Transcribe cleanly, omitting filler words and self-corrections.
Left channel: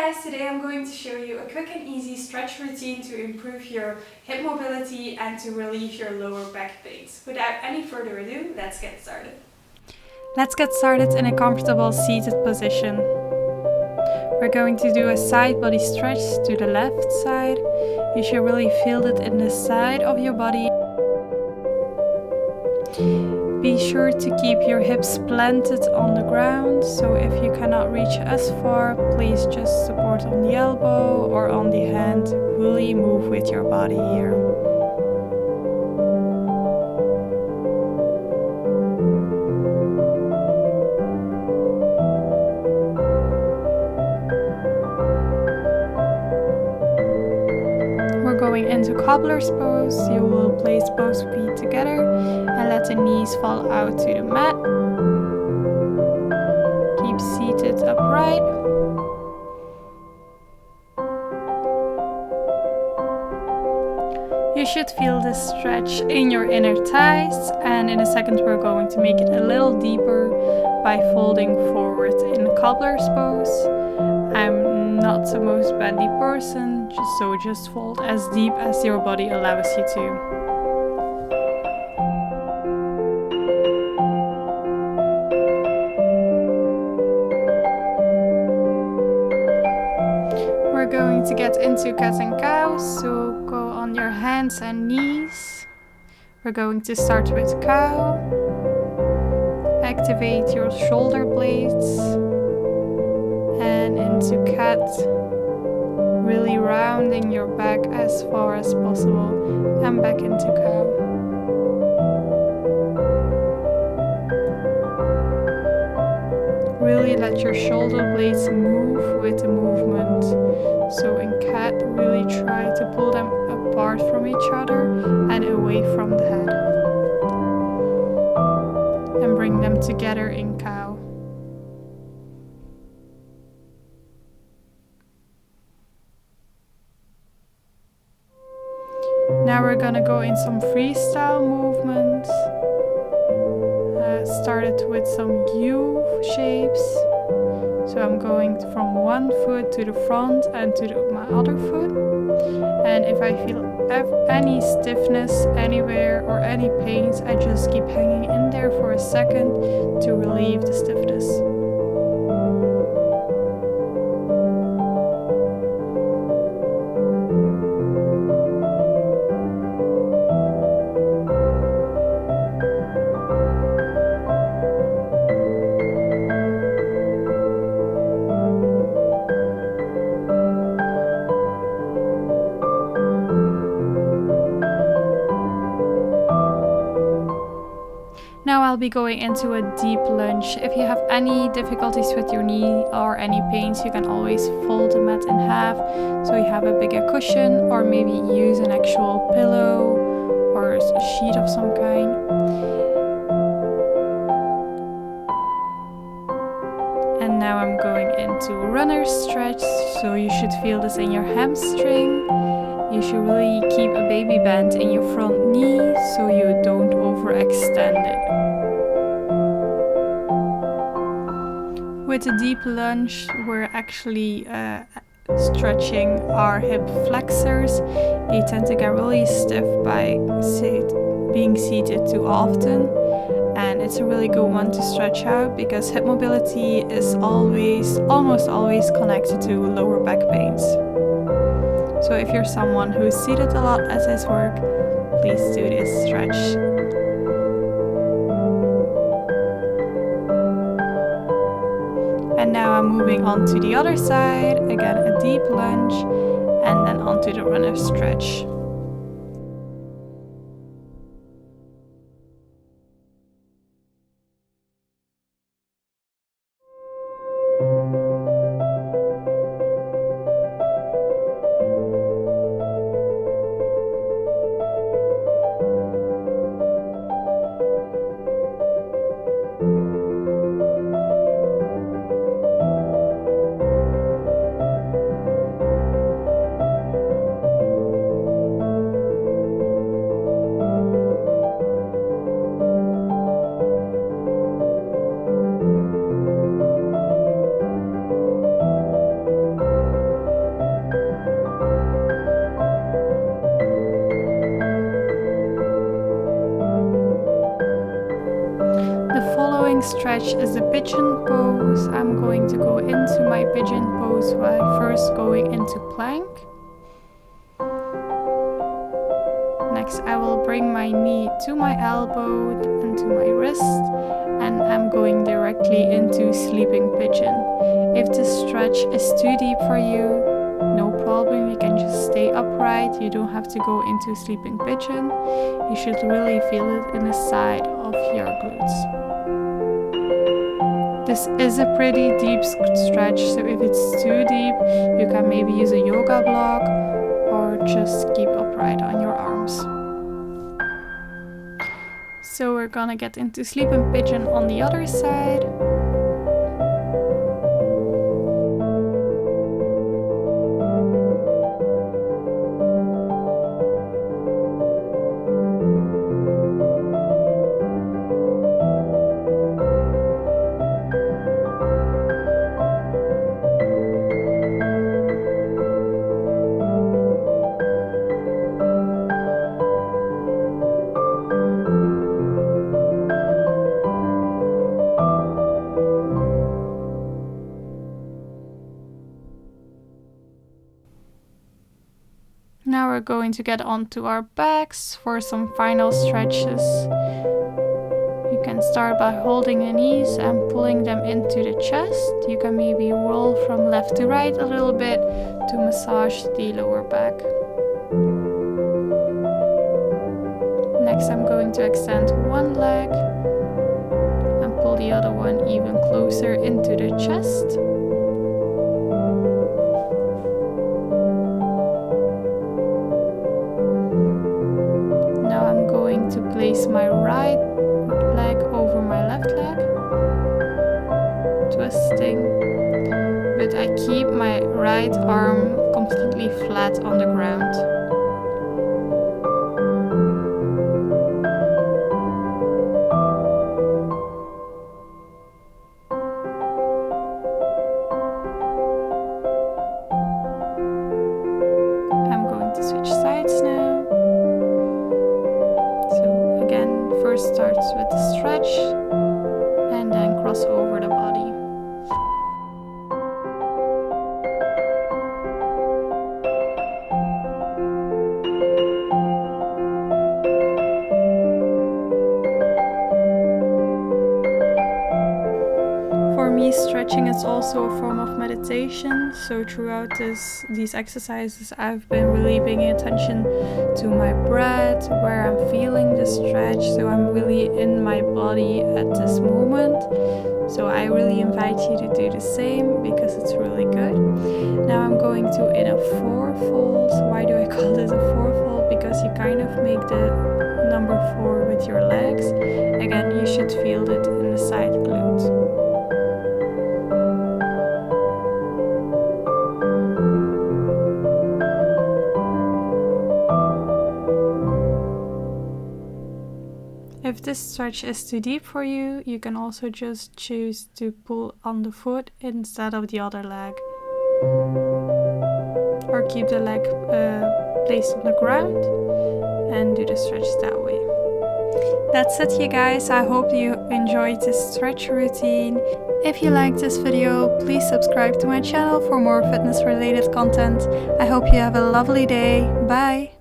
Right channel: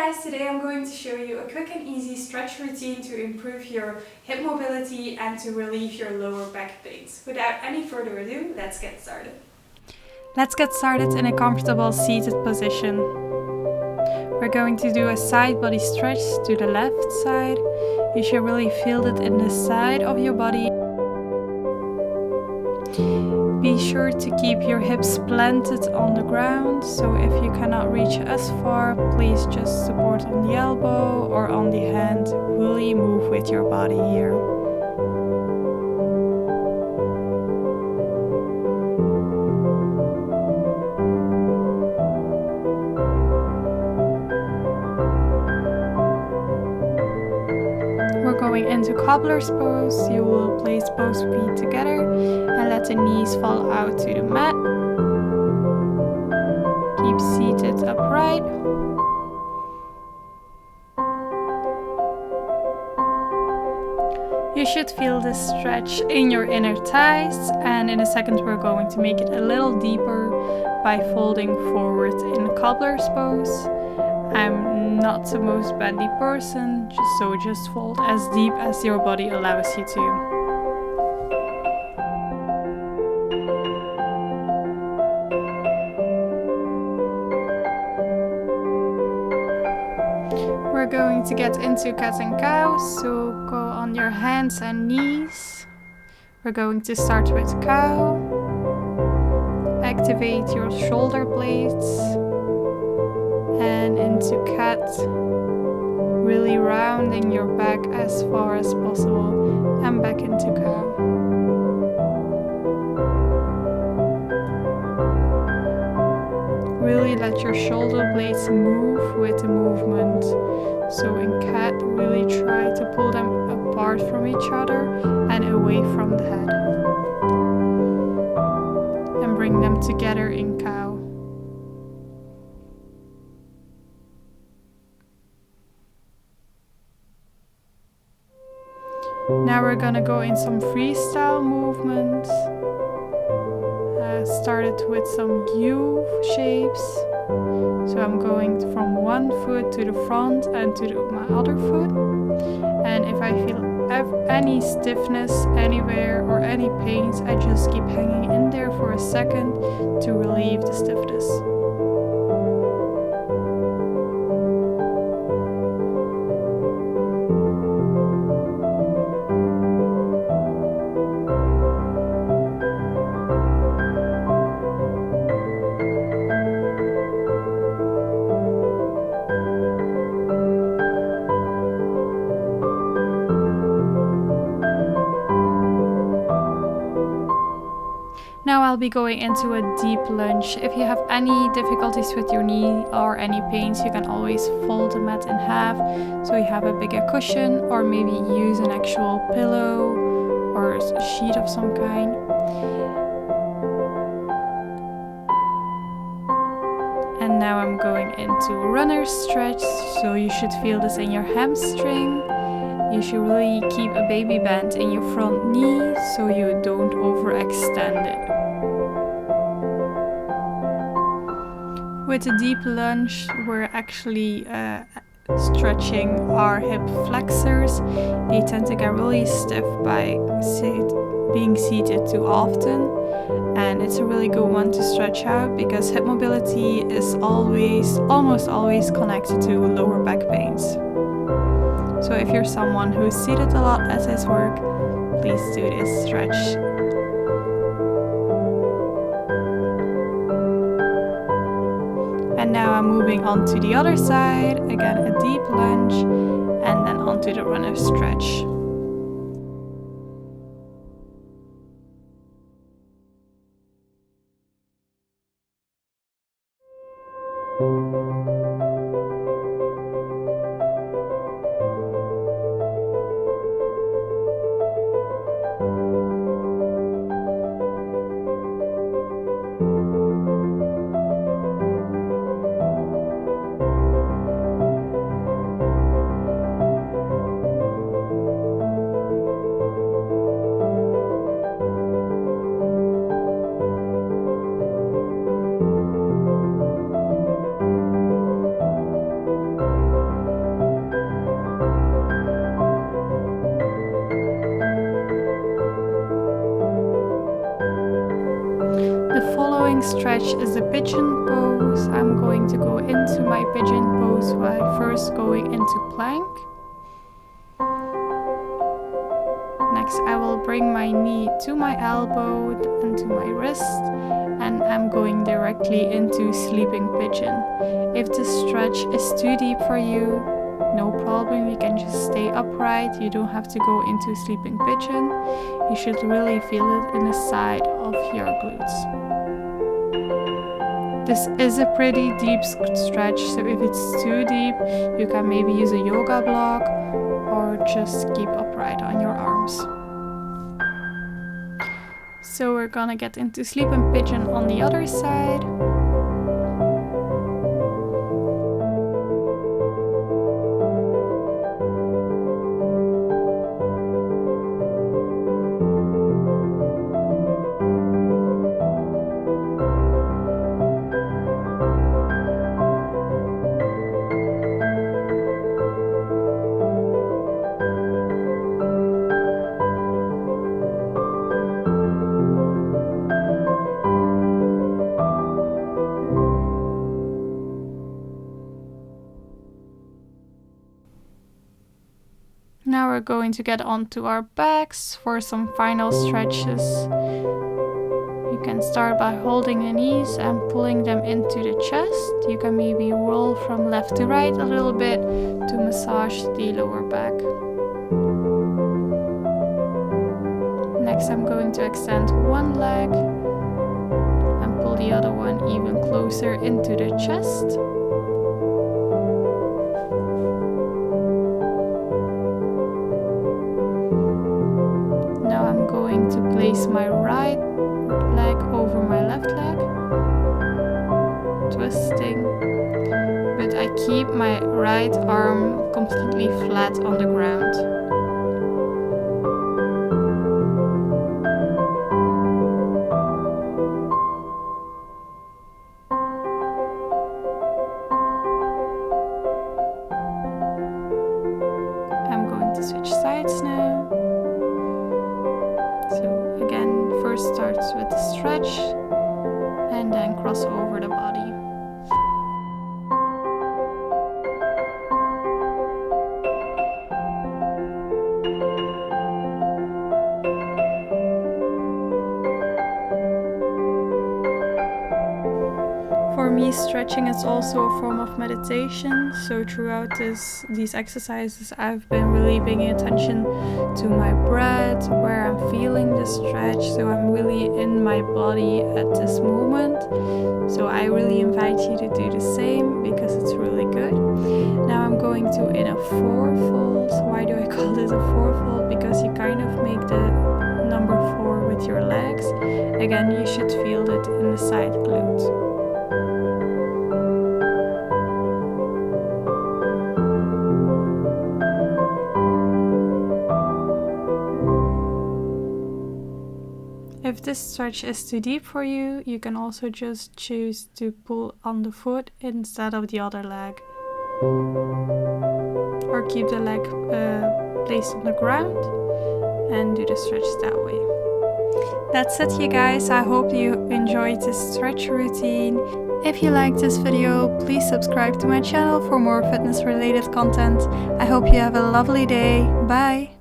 guys, today I'm going to show you a quick and easy stretch routine to improve your hip mobility and to relieve your lower back pains. Without any further ado, let's get started. Let's get started in a comfortable seated position. We're going to do a side body stretch to the left side. You should really feel it in the side of your body. Be sure to keep your hips planted on the ground, so if you cannot reach as far, please just support on the elbow or on the hand. Really move with your body here. We're going into cobbler's pose. You will place both feet together and let the knees fall out to the mat. Keep seated upright. You should feel this stretch in your inner thighs, and in a second we're going to make it a little deeper by folding forward in cobbler's pose. I'm not the most bendy person, so just fold as deep as your body allows you to. We're going to get into cat and cow, so go on your hands and knees. We're going to start with cow. Activate your shoulder blades. And into cat, really rounding your back as far as possible, and back into cow. Really let your shoulder blades move with the movement. So in cat, really try to pull them apart from each other and away from the head. And bring them together in cow. Now we're gonna go in some freestyle movements. Started with some U shapes. So I'm going from one foot to the front and to my other foot. And if I feel any stiffness anywhere or any pains, I just keep hanging in there for a second to relieve the stiffness. Now I'll be going into a deep lunge. If you have any difficulties with your knee or any pains, you can always fold the mat in half so you have a bigger cushion, or maybe use an actual pillow or a sheet of some kind. And now I'm going into runner stretch, so you should feel this in your hamstring. You should really keep a baby bend in your front knee so you don't overextend it. With a deep lunge, we're actually stretching our hip flexors. They tend to get really stiff by being seated too often. And it's a really good one to stretch out because hip mobility is almost always connected to lower back pains. So if you're someone who's seated a lot at his work, please do this stretch. And now I'm moving on to the other side, again a deep lunge, and then onto the runner stretch. stretch is the pigeon pose. I'm going to go into my pigeon pose by first going into plank. Next, I will bring my knee to my elbow and to my wrist, and I'm going directly into sleeping pigeon. If the stretch is too deep for you, no problem, you can just stay upright. You don't have to go into sleeping pigeon. You should really feel it in the side of your glutes. This is a pretty deep stretch, so if it's too deep, you can maybe use a yoga block or just keep upright on your arms. So we're gonna get into sleeping pigeon on the other side. Now we're going to get onto our backs for some final stretches. You can start by holding the knees and pulling them into the chest. You can maybe roll from left to right a little bit to massage the lower back. Next, I'm going to extend one leg and pull the other one even closer into the chest. Now I'm going to place my right leg over my left leg, twisting, but I keep my right arm completely flat on the ground. I'm going to switch sides now. So again, first starts with the stretch and then cross over the body. For me, stretching is also a form of meditation, so throughout these exercises I've been really paying attention to my breath, where I'm feeling the stretch, so I'm really in my body at this moment. So I really invite you to do the same because it's really good. Now I'm going to in a fourfold. Why do I call this a fourfold? Because you kind of make the number 4 with your legs. Again, you should feel it in the side glute. If this stretch is too deep for you, you can also just choose to pull on the foot instead of the other leg. Or keep the leg placed on the ground and do the stretch that way. That's it, you guys. I hope you enjoyed this stretch routine. If you liked this video, please subscribe to my channel for more fitness related content. I hope you have a lovely day. Bye!